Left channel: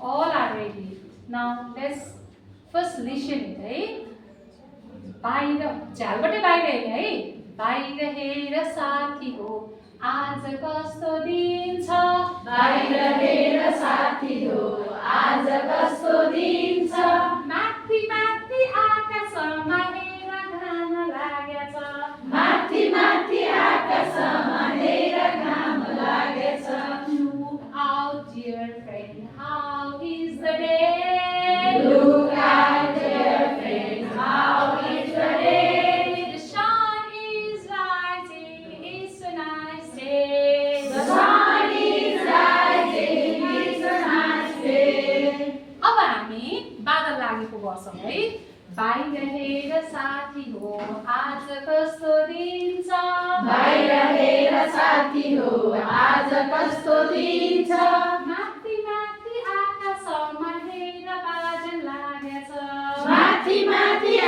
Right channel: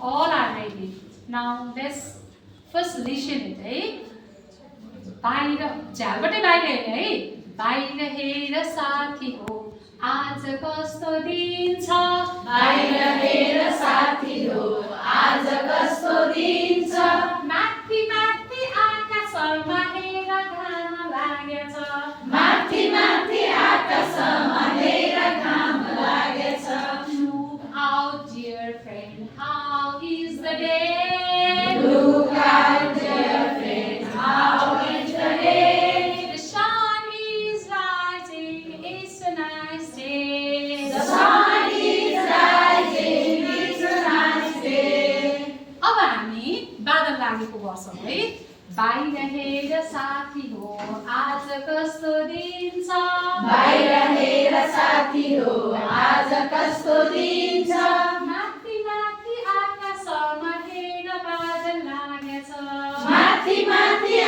All are ready. Now let's first listen it है बाहिर झ्यालबाटै बाहिर हेर्ने है बाहिर हेर साथी हो आज कस्तो दिन छ बाहिर हेर साथी हो आज कस्तो दिन छ माथि माथि आकाशमा हेर घाम लागेछ माथि माथि आकाशमा हेर घाम लागेछ Look out dear friend how is the day Look out dear friend how is the day The sun is rising it's a nice day The sun is rising it's a nice day अब हामी बादल लागेको गर्छौँ है बाहिर हेर साथी हो आज कस्तो दिन छ बाहिर हेर साथी हो आज कस्तो दिन छ माथि माथि आकाशमा हेर बादल लागेछ माथि माथि